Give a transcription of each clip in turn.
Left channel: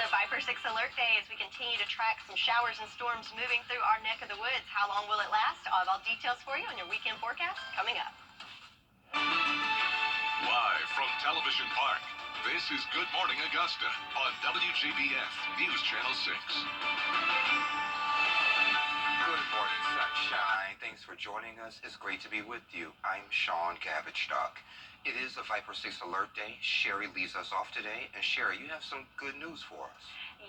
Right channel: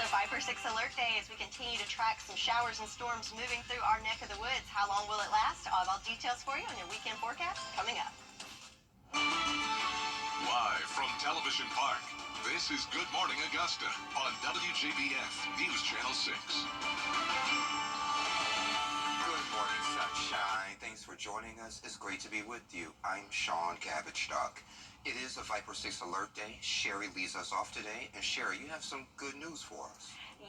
Also, Viper 6 Alert Day as we continue to track some showers and storms moving through our neck of the woods. How long will it last? I'll have all details for you on your weekend forecast coming up. Live from Television Park, this is Good Morning Augusta on WJBF News Channel 6. Good morning, sunshine. Thanks for joining us. It's great to be with you. I'm Sean Cabbage-Stock. It is a Viper 6 Alert Day. Sherry leads us off today. And Sherry, you have some good news for us.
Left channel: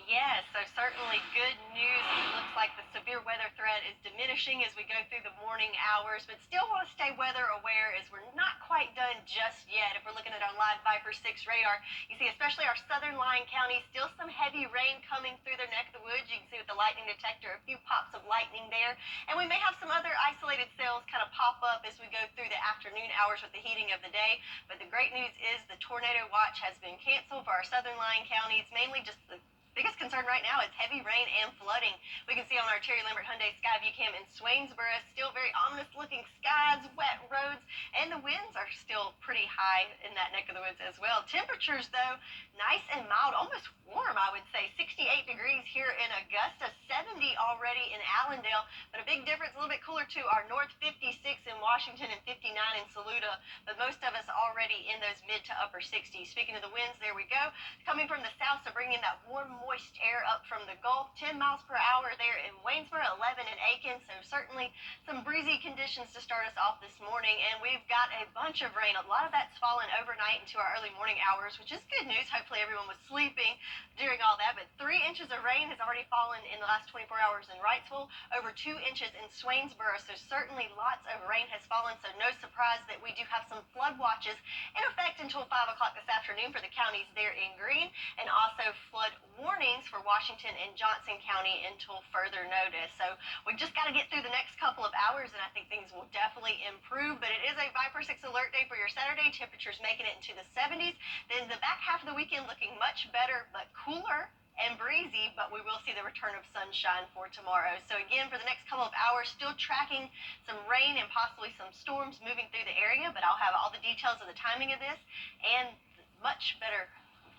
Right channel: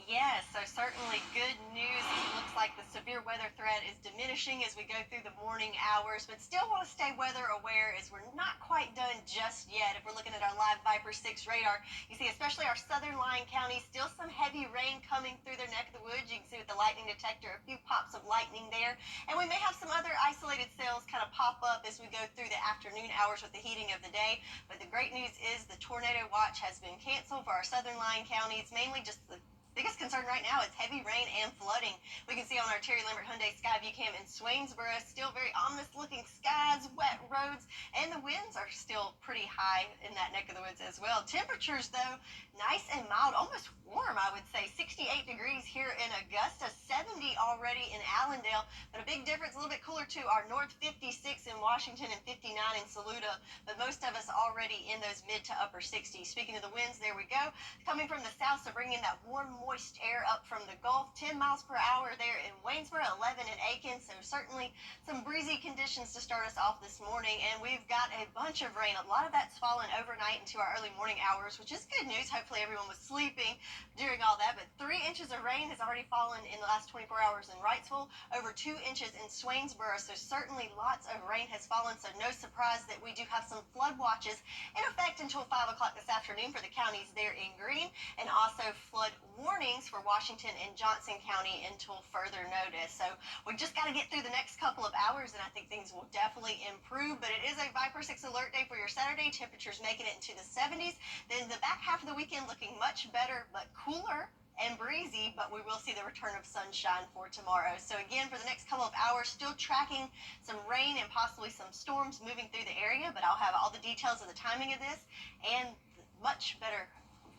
Yes, so certainly good news. It looks like the severe weather threat is diminishing as we go through the morning hours, but still want to stay weather aware as we're not quite done just yet. If we're looking at our live Viper 6 radar, you see especially our southern lying counties, still some heavy rain coming through their neck of the woods. You can see with the lightning detector a few pops of lightning there. And we may have some other isolated cells kind of pop up as we go through the afternoon hours with the heating of the day. But the great news is the tornado watch has been canceled for our southern lying counties, mainly just the biggest concern right now is heavy rain and flooding. We can see on our Terry Lambert Hyundai Skyview Cam in Swainsboro, still very ominous looking skies, wet roads, and the winds are still pretty high in that neck of the woods as well. Temperatures, though, nice and mild, almost warm, I would say. 68 degrees here in Augusta, 70 already in Allendale, but a big difference, a little bit cooler to our north 56 in Washington and 59 in Saluda, but most of us already in those mid to upper 60s. Speaking of the winds, there we go. Coming from the south, so bringing that warm, moist air up from the Gulf, 10 miles per hour there in Waynesboro, 11 in Aiken, so certainly some breezy conditions to start us off this morning, and we've got a bunch of rain. A lot of that's fallen overnight into our early morning hours, which is good news. Hopefully everyone was sleeping during all that, but 3 inches of rain has already fallen in the last 24 hours in Wrightsville, over 2 inches in Swainsboro, so certainly lots of rain has fallen, so no surprise that we do have some flood watches in effect until 5 o'clock this afternoon for the counties there in green, and also flood warnings for Washington and Johnson County until further notice. So we just got to get through the next couple of hours, and I think things will definitely improve. But it is a Viper 6 Alert Day for your Saturday. Temperatures making it into the 70s. Then the back half of the weekend looking much better, but cooler and breezy, but we will see the return of sunshine for tomorrow. So again, for the next couple of hours, still tracking some rain and possibly some storms moving through the area, but I'll have all the details of the timing of this and much better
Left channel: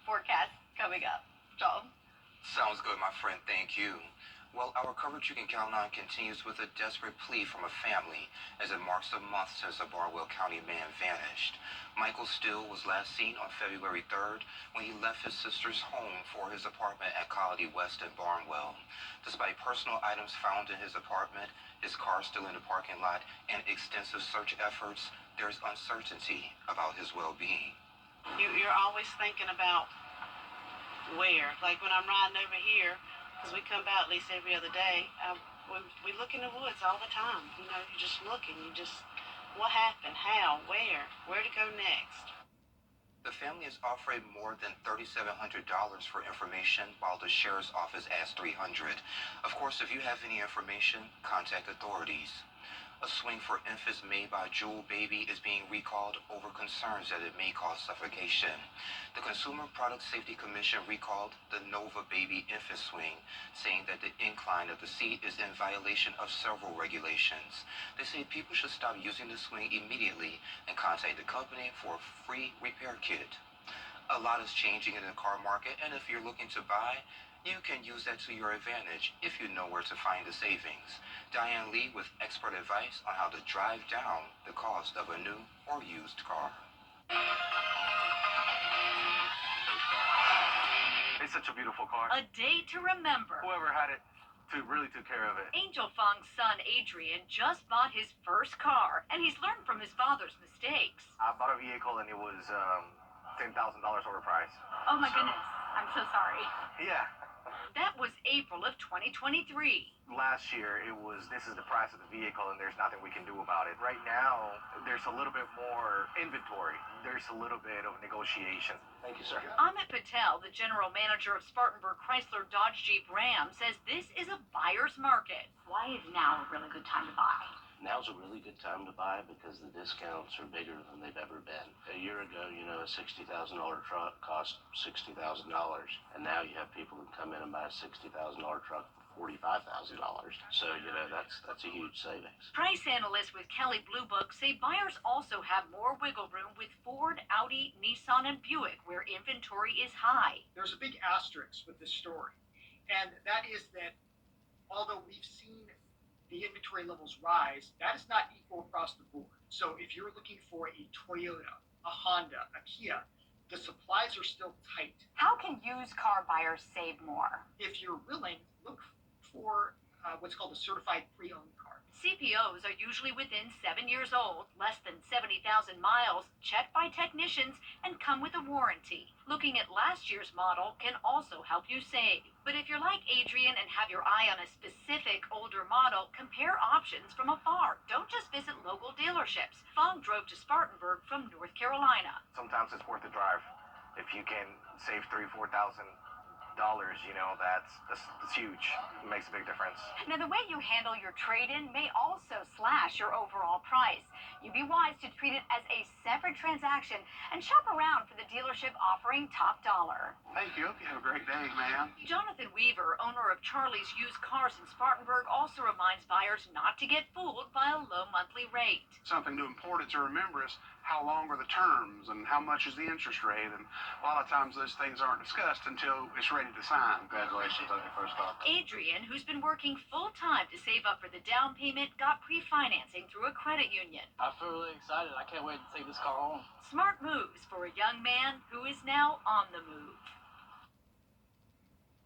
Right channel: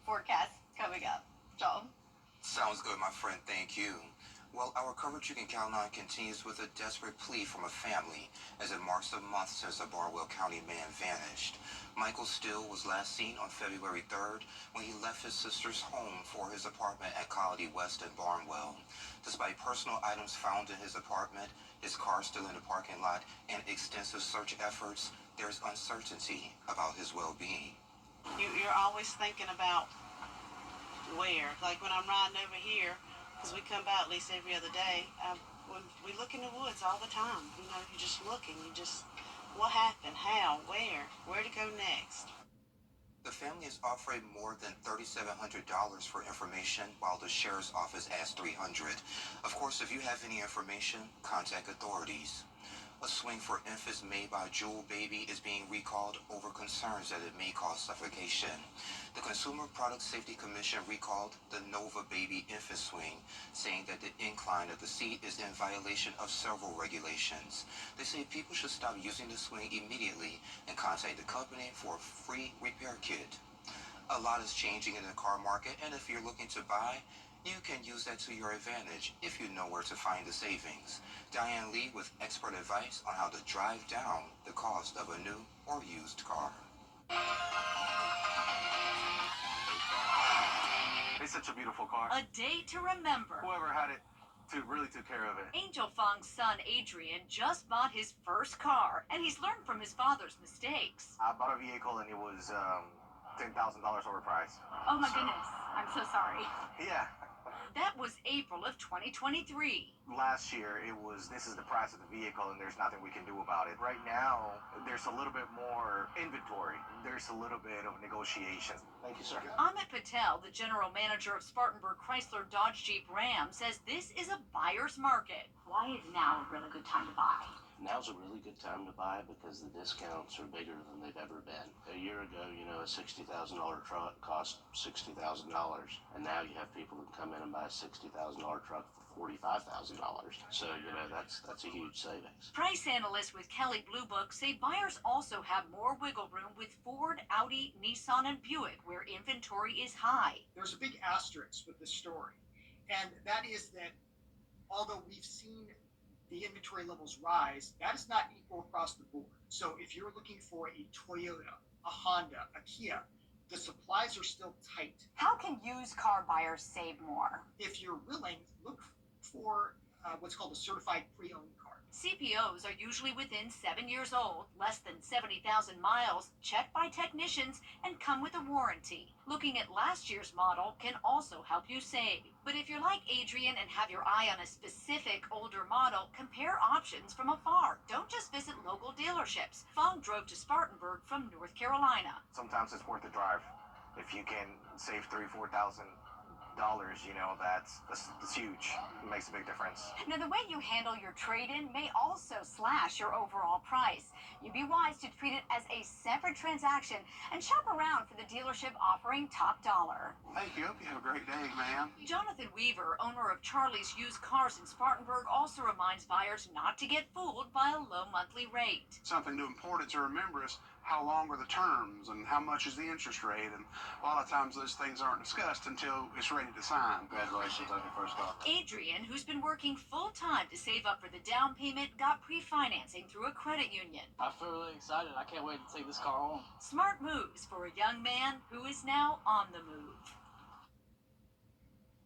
forecast coming up. Joel? Sounds good, my friend. Thank you. Well, our coverage you can count on continues with a desperate plea from a family as it marks a month since a Barnwell County man vanished. Michael Still was last seen on February 3rd when he left his sister's home for his apartment at Colony West in Barnwell. Despite personal items found in his apartment, his car still in the parking lot, and extensive search efforts, there's uncertainty about his well-being. You're always thinking about where. Like when I'm riding over here, because we come by at least every other day, we look in the woods all the time. You know, you're just looking. What happened? How? Where to go next? The family is offering more than $3,700 for information, while the sheriff's office asks $300. Of course, if you have any information, contact authorities. A swing for infants made by Jewel Baby is being recalled over concerns that it may cause suffocation. The Consumer Product Safety Commission recalled the Nova Baby infant swing, saying that the incline of the seat is in violation of several regulations. They say people should stop using the swing immediately and contact the company for a free repair kit. A lot is changing in the car market, and if you're looking to buy, you can use that to your advantage if you know where to find the savings. Diane Lee with expert advice on how to drive down the cost of a new or used car. It's such a beautiful car. A day to remember. Whoever had it really took care of it. Angel Fong's son Adrian just bought his first car, and he's learned from his father's mistakes. I bought a vehicle and it was $10,000 overpriced. Oh my goodness, I'm so sorry. Yeah. That was April of 2023. Last year, this is the price of the vehicle and there's nothing we can do about it. Right now, there's a little bit more inventory. There's a little bit of negotiation. Thank you, sir. Amit Patel, the general manager of Spartanburg Chrysler Dodge Jeep Ram, says this is a buyer's market. Why is now a really good time to buy? Now's a really good time to buy because the discounts are bigger than they've ever been. A year ago, a $60,000 truck cost $60,000, and now you have people who come in and buy a $60,000 truck for $45,000. So, that's a huge savings. Price analysts with Kelley Blue Book say buyers also have more wiggle room with Ford, Audi, Nissan, and Buick, where inventory is high. There's a big asterisk with this story, and that is that although we've seen the inventory levels rise, that is not equal across the board. So if you're looking for a Toyota, a Honda, a Kia, the supplies are still tight. How can used car buyers save more? If you're willing, look for what's called a certified pre-owned car. CPOs are usually within 7 years old, less than 70,000 miles, checked by technicians, and come with a warranty. Looking at last year's model can also help you save. But if you're like Adrian and have your eye on a specific older model, compare options from afar. Don't just visit local dealerships. Fong drove to Spartanburg from North Carolina. Sometimes it's worth the drive. If you can save $3,000-$4,000, that's huge. It makes a big difference. Now, the way you handle your trade-in may also slash your overall price. You'd be wise to treat it as a separate transaction and shop around for the dealership offering top dollar. Thank you. Hope you have a great day, ma'am. Jonathan Weaver, owner of Charlie's Used Cars in Spartanburg, also reminds buyers not to get fooled by a low monthly rate. Something important to remember is how long are the terms and how much is the interest rate, and a lot of times those things aren't discussed until it's ready to sign. Congratulations on your first car. Adrian, who's been working full-time to save up for the down payment, got pre-financing through a credit union. I feel really excited. I can't wait to take this car home. Smart moves for a young man who is now on the move.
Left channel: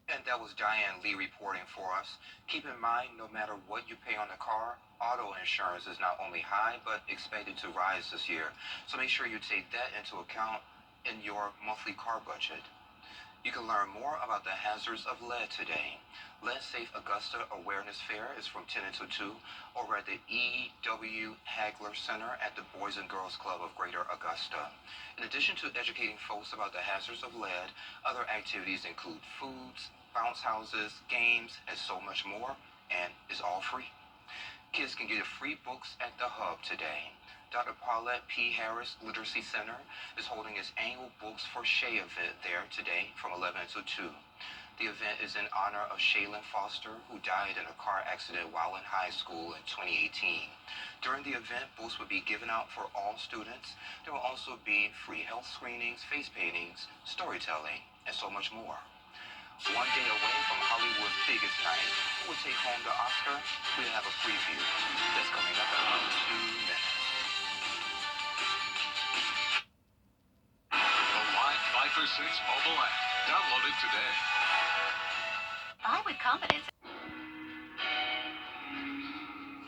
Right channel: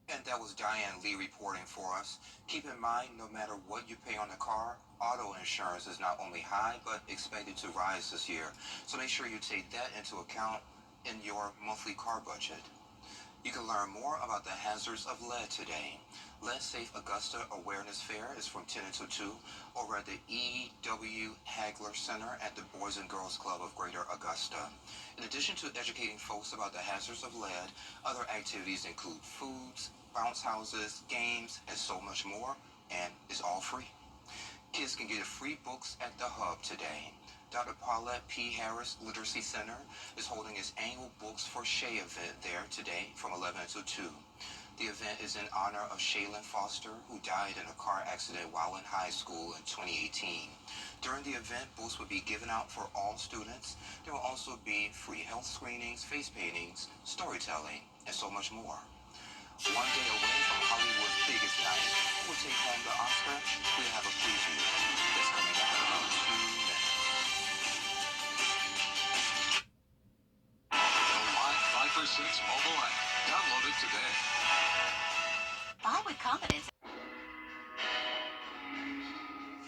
And that was Diane Lee reporting for us. Keep in mind, no matter what you pay on the car, auto insurance is not only high, but expected to rise this year. So make sure you take that into account in your monthly car budget. You can learn more about the hazards of lead today. Lead Safe Augusta Awareness Fair is from 10 until 2 over at the E.W. Hagler Center at the Boys and Girls Club of Greater Augusta. In addition to educating folks about the hazards of lead, other activities include foods, bounce houses, games, and so much more, and it's all free. Kids can get free books at the Hub today. Dr. Paulette P. Harris Literacy Center is holding its annual Books for Shay event there today from 11 until 2. The event is in honor of Shaylin Foster, who died in a car accident while in high school in 2018. During the event, books will be given out for all students. There will also be free health screenings, face paintings, storytelling, and so much more. One day away from Hollywood's biggest night, we'll take home the Oscar. We'll have a preview that's coming up in about 2 minutes. The Live 5 for 6 mobile app. Download it today. Buy with confidence.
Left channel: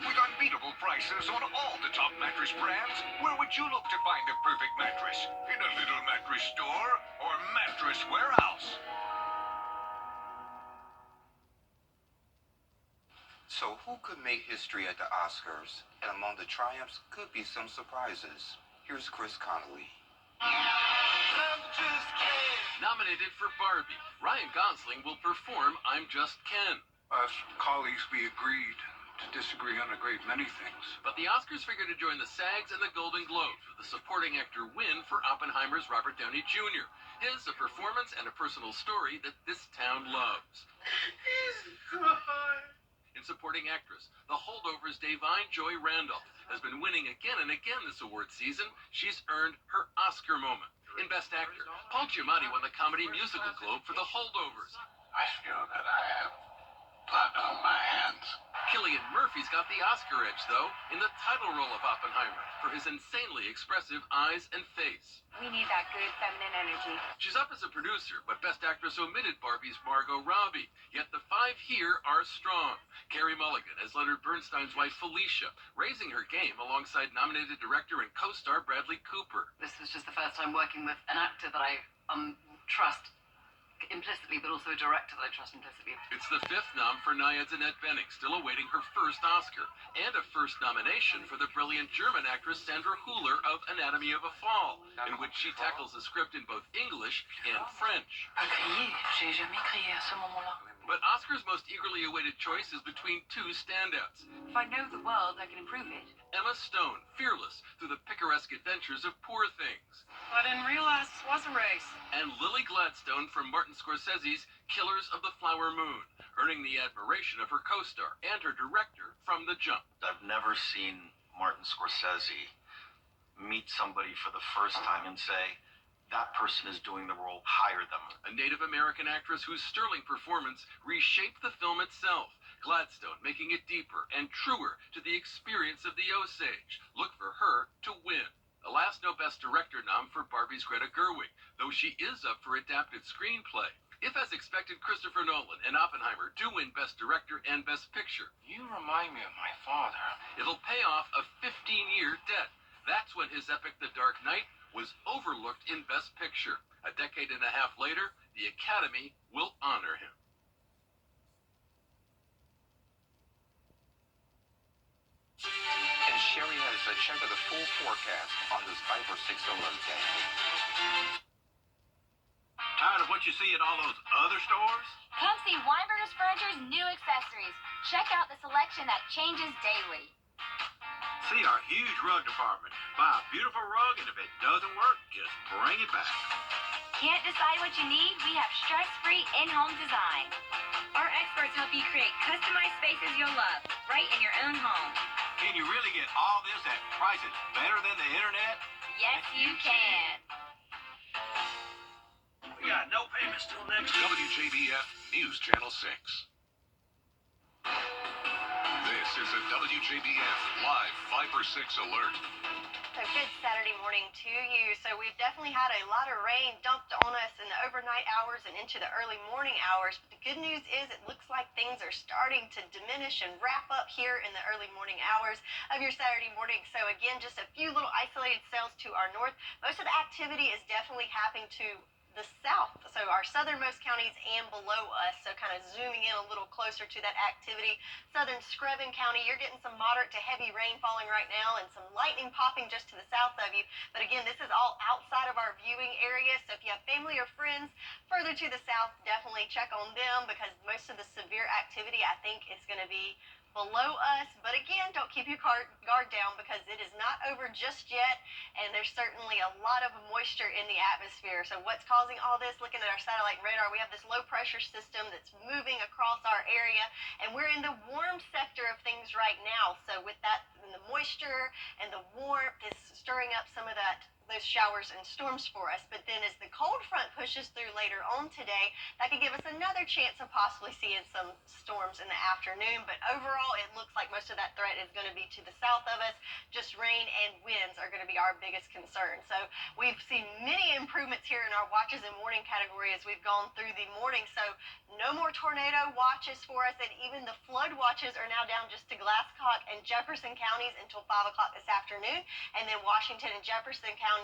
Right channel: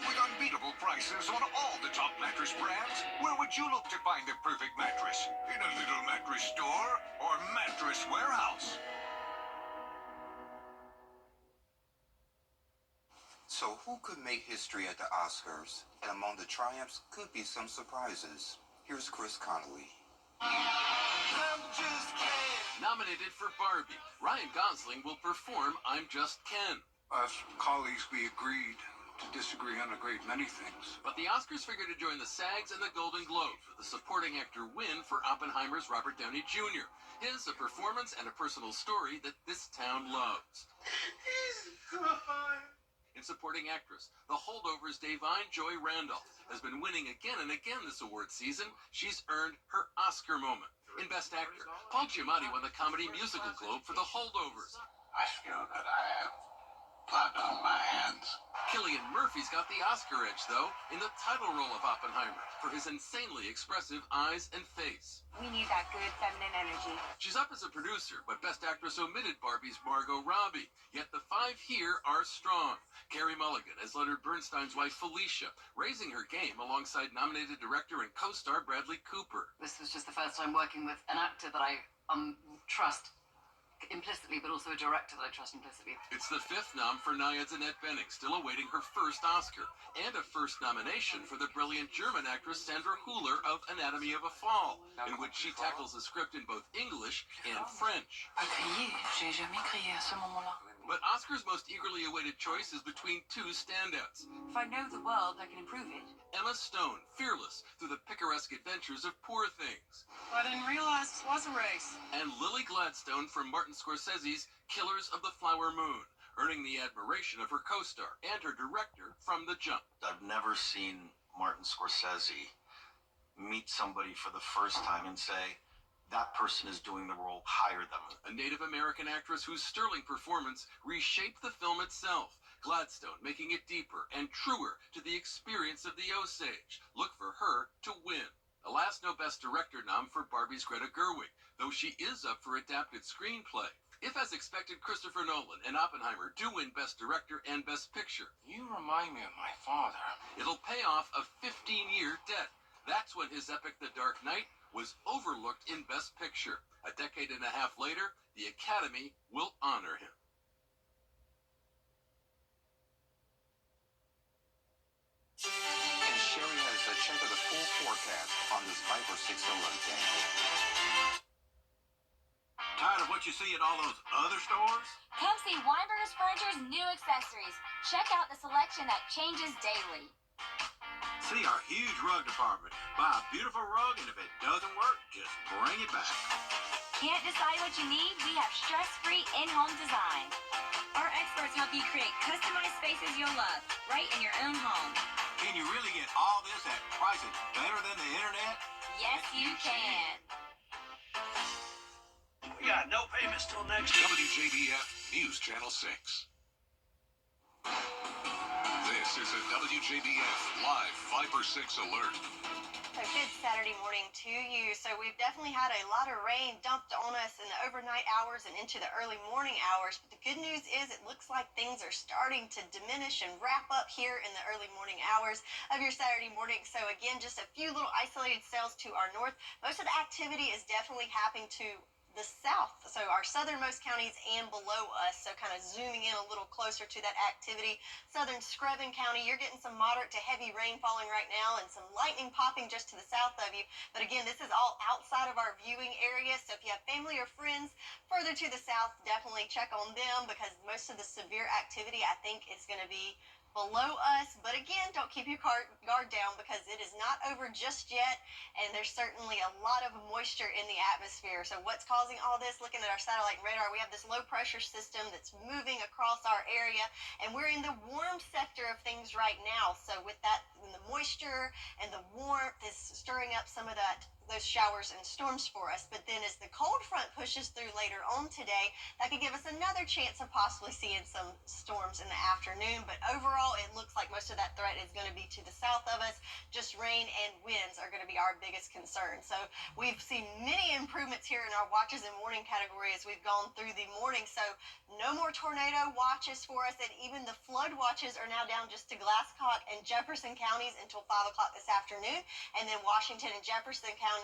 With unbeatable prices on all the top mattress brands, where would you look to find the perfect mattress? In a little mattress store or mattress warehouse? So who could make history at the Oscars? And among the triumphs could be some surprises. Here's Chris Connolly. Nominated for Barbie, Ryan Gosling will perform I'm Just Ken. Us colleagues, we agreed to disagree on a great many things. But the Oscars figure to join the SAGs and the Golden Globes with the supporting actor win for Oppenheimer's Robert Downey Jr. His a performance and a personal story that this town loves. In supporting actress, The Holdovers' Davine Joy Randolph has been winning again and again this award season. She's earned her Oscar moment. In Best Actor, Paul Giamatti won the Comedy Musical Globe for The Holdovers. I feel that I have blood on my hands. Cillian Murphy's got the Oscar edge, though, in the title role of Oppenheimer for his insanely expressive eyes and face. We need that good feminine energy. She's up as a producer, but Best Actress omitted Barbie's Margot Robbie. Yet the 5 here are strong. Carey Mulligan as Leonard Bernstein's wife Felicia, raising her game alongside nominated director and co-star Bradley Cooper. This was just the first time working with an actor that I trust implicitly, but also a director that I trust implicitly. It's the 5th nom for Nia Jeanette Benning, still awaiting her first Oscar, and a first nomination for the brilliant German actress Sandra Hüller of Anatomy of a Fall, in which she tackles the script in both English and French. J'ai jamais crié à ce moment-là. But Oscar's most eagerly awaited choice is between 2 standouts. If I know the world, I can improve it. Emma Stone, fearless through the picaresque adventures of Poor Things. I didn't realize this was a race. And Lily Gladstone from Martin Scorsese's Killers of the Flower Moon. earning the admiration of her co-star and her director from the jump. I've never seen Martin Scorsese meet somebody for the first time and say, that person is doing the role, hire them. A Native American actress whose sterling performance reshaped the film itself. Gladstone making it deeper and truer to the experience of the Osage. Look for her to win. Alas, no Best Director nom for Barbie's Greta Gerwig, though she is up for adapted screenplay. If, as expected, Christopher Nolan and Oppenheimer do win Best Director and Best Picture, You remind me of my father. it'll pay off a 15-year debt. That's when his epic The Dark Knight was overlooked in Best Picture. A decade and a half later, the Academy will honor him. And Sherry has checked the full forecast on this Viper 6 alert day. Tired of what you see at all those other stores? Come see Weinberger's Furniture's new accessories. Check out the selection that changes daily. See our huge rug department. Buy a beautiful rug, and if it doesn't work, just bring it back. Can't decide what you need? We have stress-free in-home design. Our experts help you create customized spaces you'll love, right in your own home. Can you really get all this at prices better than the internet? Yes, you can. We got no payments till next week. WJBF News Channel 6. This is a WJBF Live Viper 6 alert. So good Saturday morning to you. So we've definitely had a lot of rain dumped on us in the overnight hours and into the early morning hours. But the good news is it looks like things are starting to diminish and wrap up here in the early morning hours of your Saturday morning. So again, just a few little isolated cells to our north. Most of the activity is definitely happening to the south, so our southernmost counties and below us, so kind of zooming in a little closer to that activity. Southern Screven County, you're getting some moderate to heavy rain falling right now and some lightning popping just to the south of you. But again, this is all outside of our viewing area, so if you have family or friends further to the south, definitely check on them, because most of the severe activity, I think, is going to be below us. But again, don't keep your guard down, because it is not over just yet, and there's certainly a lot of moisture in the atmosphere. So what's causing all this? Looking at our satellite radar, we have this low pressure system that's moving across our area, and we're in the warm sector of things right now. So with that, the moisture and the warmth is stirring up some of those showers and storms for us. But then as the cold front pushes through later on today, that could give us another chance of possibly seeing some storms in the afternoon. But overall, it looks like most of that threat is going to be to the south of us. Just rain and winds are going to be our biggest concern. So we've seen many improvements here in our watches and warning category as we've gone through the morning. So no more tornado watches for us, and even the flood watches are now down just to Glasscock and Jefferson counties until 5 o'clock this afternoon. And then Washington and Johnson County,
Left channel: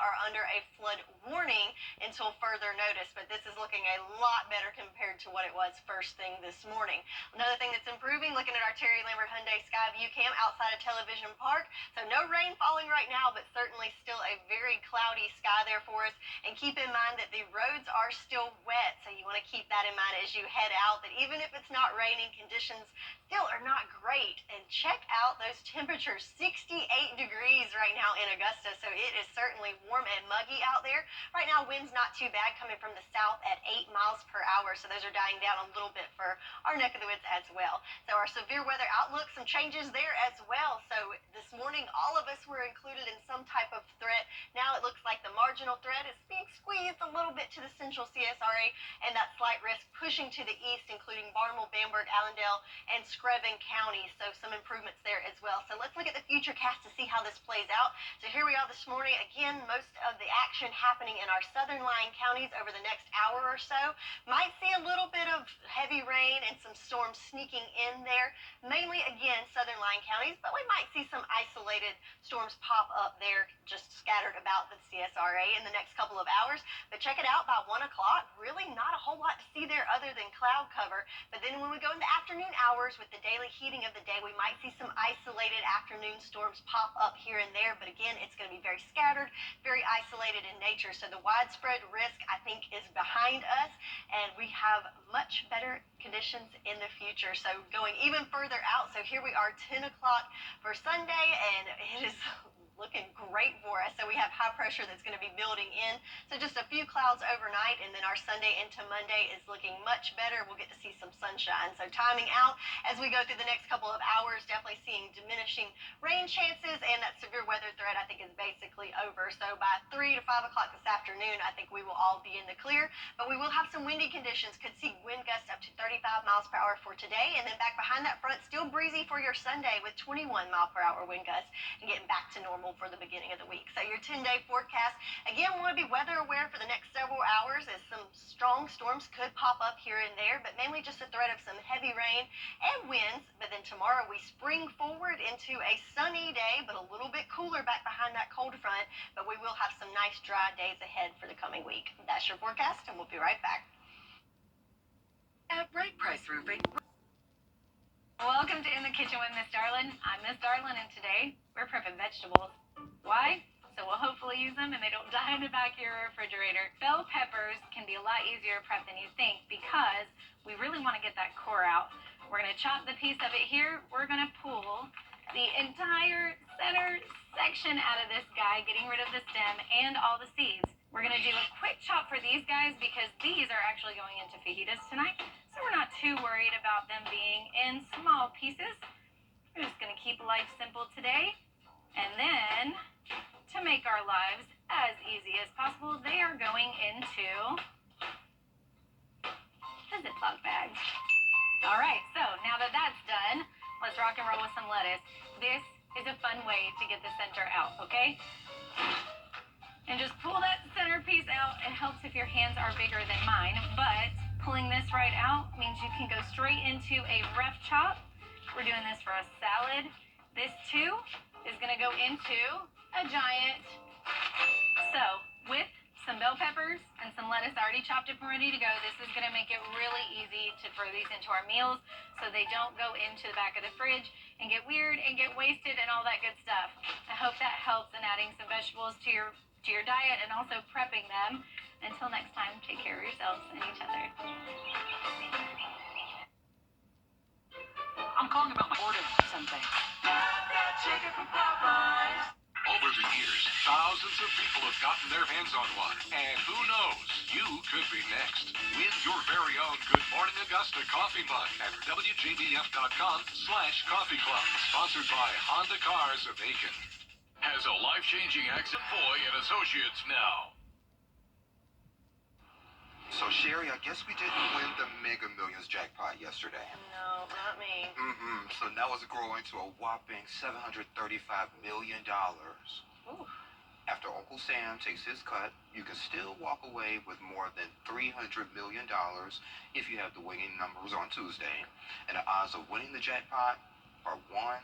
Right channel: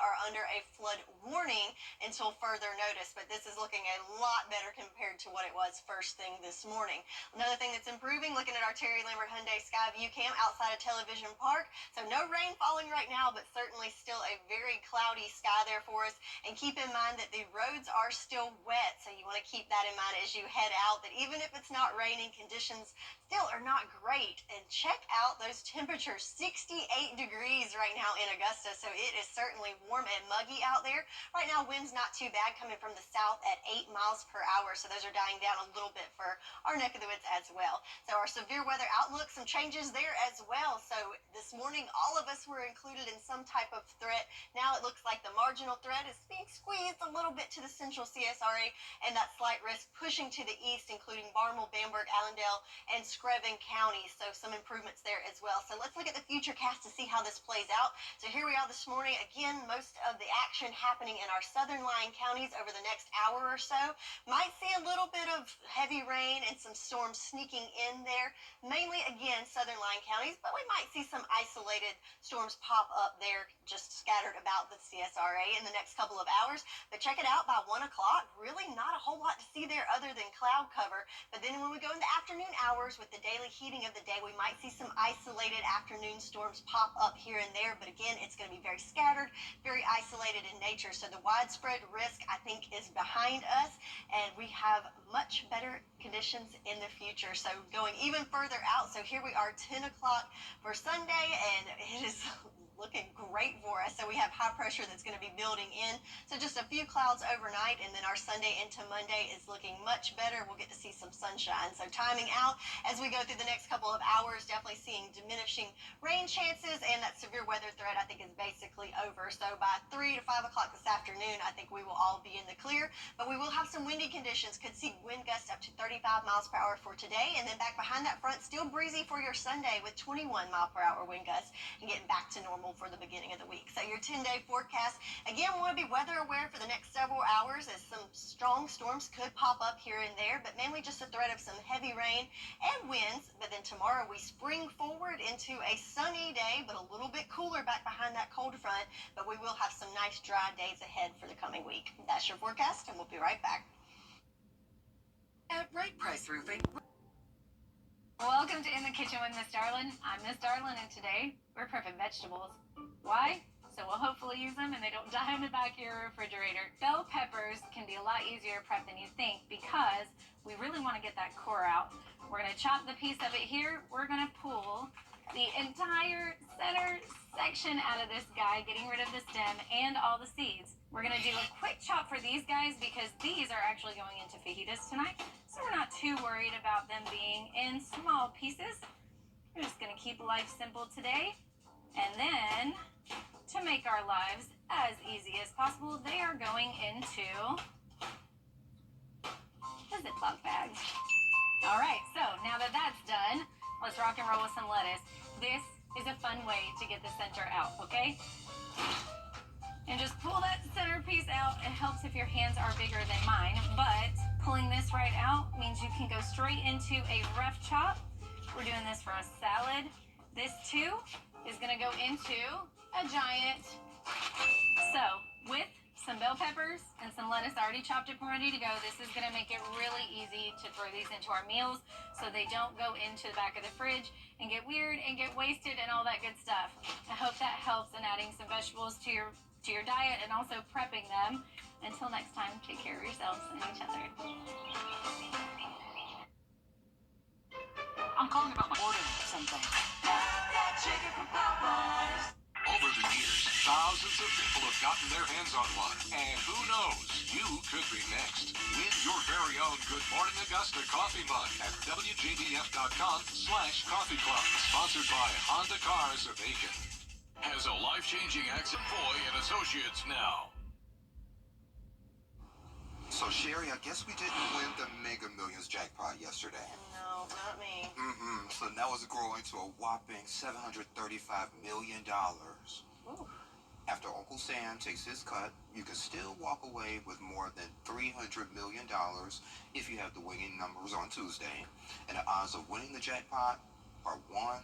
are under a flood warning until further notice. But this is looking a lot better compared to what it was first thing this morning. Another thing that's improving, looking at our Terry Lambert Hyundai Skyview cam outside of Television Park. So no rain falling right now, but certainly still a very cloudy sky there for us. And keep in mind that the roads are still wet, so you want to keep that in mind as you head out, that even if it's not raining, conditions still are not great. And check out those temperatures, 68 degrees right now in Augusta, so it is certainly warm and muggy out there. Right now, wind's not too bad, coming from the south at 8 miles per hour, so those are dying down a little bit for our neck of the woods as well. So our severe weather outlook, some changes there as well. So this morning, all of us were included in some type of threat. Now it looks like the marginal threat is being squeezed a little bit to the central CSRA, and that slight risk pushing to the east, including Barnwell, Bamberg, Allendale, and Screven counties. So some improvements there as well. So let's look at the future cast to see how this plays out. So here we are this morning. Again, most of the action happening in our southern lying counties over the next hour or so. Might see a little bit of heavy rain and some storms sneaking in there. Mainly, again, southern lying counties, but we might see some isolated storms pop up there, just scattered about the CSRA in the next couple of hours. But check it out, by 1 o'clock, really not a whole lot to see there other than cloud cover. But then when we go in the afternoon hours with the daily heating of the day, we might see some isolated afternoon storms pop up here and there. But again, it's going to be very scattered, very isolated in nature. So the widespread risk, I think, is behind us, and we have much better conditions in the future. So going even further out, so here we are, 10 o'clock for Sunday, and it is looking great for us. So we have high pressure that's going to be building in. So just a few clouds overnight, and then our Sunday into Monday is looking much better. We'll get to see some sunshine. So timing out as we go through the next couple of hours, definitely seeing diminishing rain chances, and that severe weather threat I think is basically over. So by 3 to 5 o'clock this afternoon, I think we will all be in the clear, but we will have some windy conditions. Could see wind gusts up to 35 miles per hour for today, and then back behind that front, still breezy for your Sunday with 21 mile per hour wind gusts, and getting back to normal for the beginning of the week. So your 10-day forecast, again, we want to be weather aware for the next several hours, as some strong storms could pop up here and there, but mainly just a threat of some heavy rain and winds. But then tomorrow we spring forward into a sunny day, but a little bit cooler back behind that cold front, but we will have some nice dry days ahead for the coming week. That's your forecast, and we'll be right back. At Right Price Roofing. Welcome to In the Kitchen with Miss Darlin. I'm Miss Darlin, and today we're prepping vegetables. Why? So we'll hopefully use them and they don't die in the back of your refrigerator. Bell peppers can be a lot easier to prep than you think because we really want to get that core out. We're going to chop the piece of it here. We're going to pull the entire center section out of this guy, getting rid of the stem and all the seeds. We're going to do a quick chop for these guys because these are actually going into fajitas tonight. So we're not too worried about them being in small pieces. We're just going to keep life simple today. And then, to make our lives as easy as possible, they are going into the Ziploc bag. All right, so now that that's done, let's rock and roll with some lettuce. This is a fun way to get the center out, okay? And just pull that center piece out. It helps if your hands are bigger than mine, but pulling this right out means you can go straight into a rough chop. We're doing this for a salad. This too is gonna go into a giant. So with some bell peppers and some lettuce already chopped up and ready to go, this is gonna make it really easy to throw these into our meals so they don't go into the back of the fridge and get weird and get wasted and all that good stuff. I hope that helps in adding some vegetables to your diet and also prepping them. Until next time, take care of yourselves and each other. I'm calling about my order or something. Over the years, thousands of people have gotten their hands on one. And who knows, you could be next. Win your very own Good Morning Augusta coffee mug at WJBF.com/coffee club. Sponsored by Honda Cars of Aiken. Has a life-changing accident. Foy and Associates now. So, Sherry, I guess we didn't win the Mega Millions jackpot yesterday. No, not me. So now it's growing to a whopping $735 million. Ooh. After Uncle Sam takes his cut, you can still walk away with more than $300 million if you have the winning numbers on Tuesday. And the odds of winning the jackpot are 1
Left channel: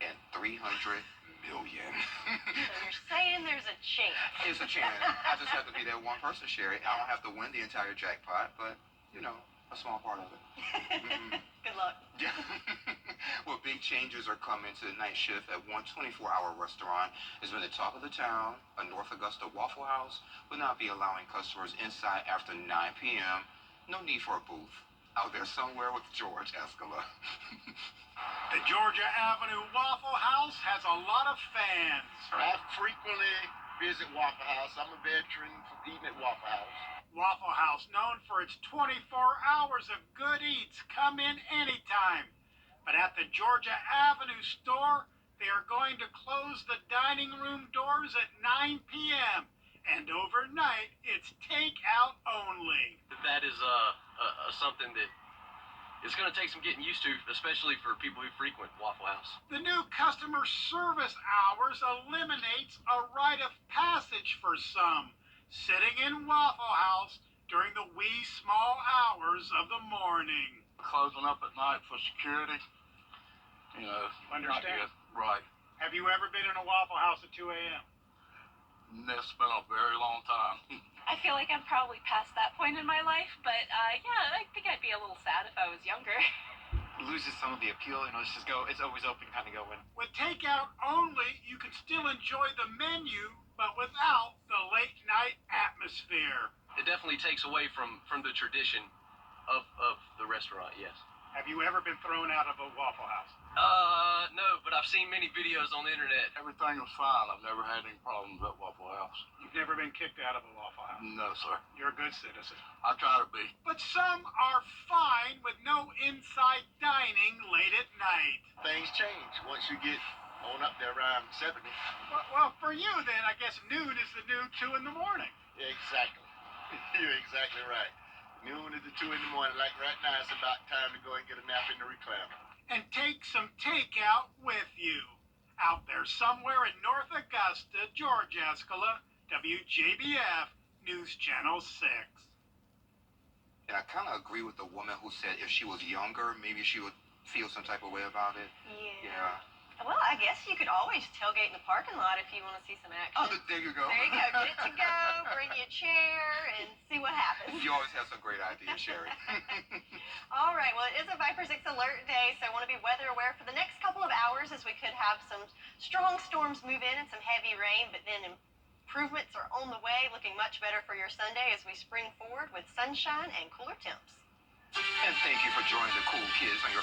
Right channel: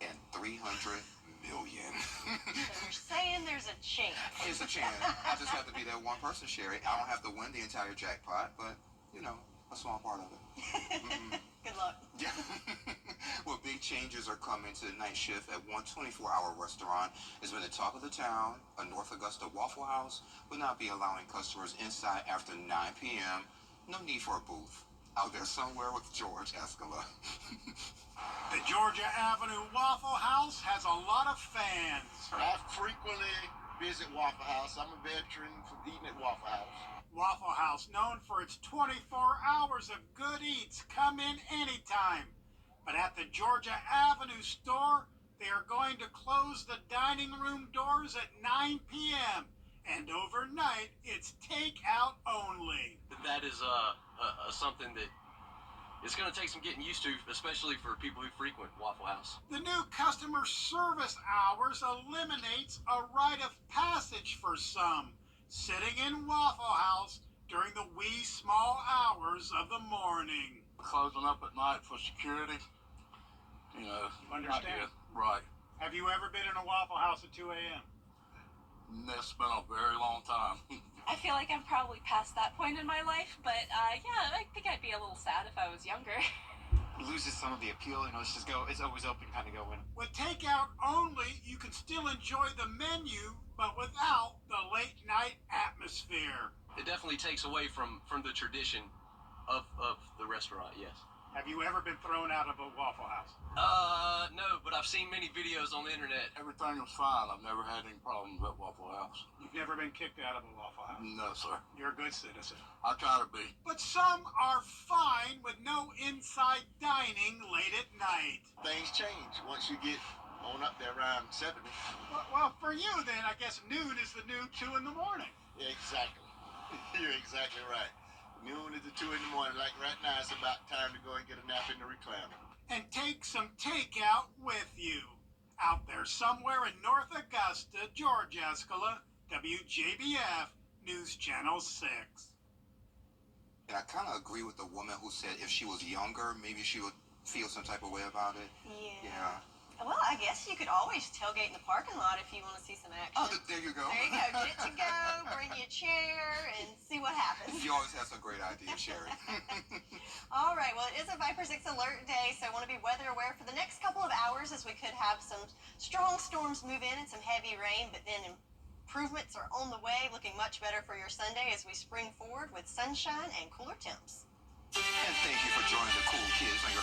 in 300 million. So you're saying there's a chance. It's a chance. I just have to be that one person, Sherry. I don't have to win the entire jackpot, but, you know, a small part of it. Good luck. Yeah. Well, big changes are coming to the night shift at one 24-hour restaurant. It's been the talk of the town. A North Augusta Waffle House will not be allowing customers inside after 9 p.m. No need for a booth. Out there somewhere with George Escala. The Georgia Avenue Waffle House has a lot of fans. I frequently visit Waffle House. I'm a veteran from eating at Waffle House. Waffle House, known for its 24 hours of good eats. Come in anytime. But at the Georgia Avenue store, they are going to close the dining room doors at 9 p.m. And overnight, it's takeout only. That is something that it's going to take some getting used to, especially for people who frequent Waffle House. The new customer service hours eliminates a rite of passage for some, sitting in Waffle House during the wee small hours of the morning. Closing up at night for security, you know. Understand? Right. Have you ever been in a Waffle House at 2 a.m.? It's been a very long time. I feel like I'm probably past that point in my life, but yeah, I think I'd be a little sad if I was younger. Loses some of the appeal, you know, it's always open, kind of go in. With takeout only, you can still enjoy the menu, but without the late night atmosphere. It definitely takes away from the tradition of the restaurant, yes. Have you ever been thrown out of a Waffle House? No, but I've seen many videos on the internet. Everything was fine. I've never had any problems at Waffle House. You've never been kicked out of a Waffle House? No, sir. You're a good citizen. I try to be. But some are fine with no inside dining late at night. Things change once you get on up there around 70. Well, for you then, I guess noon is the new 2 in the morning. Exactly. You're exactly right. Noon is the 2 in the morning. Like right now, it's about time to go and get a nap in the recliner. And take some takeout with you. Out there somewhere in North Augusta, George Escala, WJBF, News Channel 6. And I kind of agree with the woman who said if she was younger, maybe she would feel some type of way about it. Yeah. Well, I guess you could always tailgate in the parking lot if you want to see some action. Oh, there you go. There you go. Get to go, bring you a chair, and see what happens. You always have some great ideas, Sherry. All right. Well, it is a Viper 6 alert day, so I want to be weather aware for the next couple of hours as we could have some strong storms move in and some heavy rain, but then improvements are on the way, looking much better for your Sunday as we spring forward with sunshine and cooler temps. And thank you for joining the cool kids on your...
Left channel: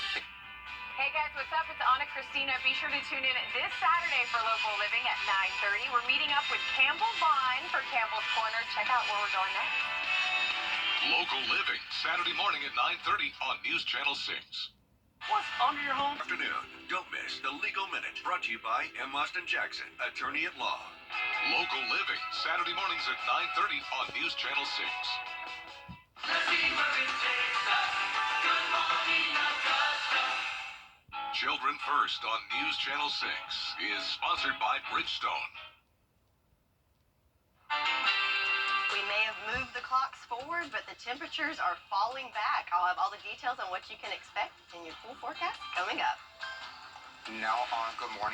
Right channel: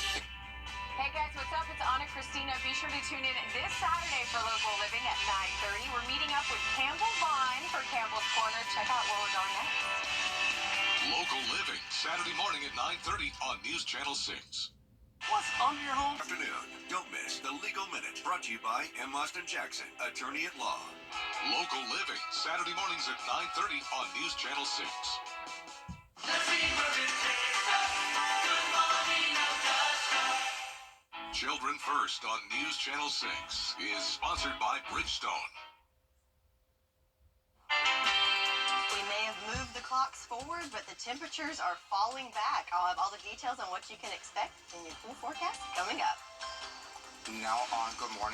Hey guys, what's up? It's Anna Christina. Be sure to tune in this Saturday for Local Living at 9:30. We're meeting up with Campbell Vine for Campbell's Corner. Check out where we're going next. Local Living, Saturday morning at 9:30 on News Channel 6. What's under your home? Afternoon. Don't miss the Legal Minute, brought to you by M. Austin Jackson, attorney at law. Local Living, Saturday mornings at 9:30 on News Channel 6. Children First on News Channel 6 is sponsored by Bridgestone. We may have moved the clocks forward, but the temperatures are falling back. I'll have all the details on what you can expect in your pool forecast coming up. Now on Good Morning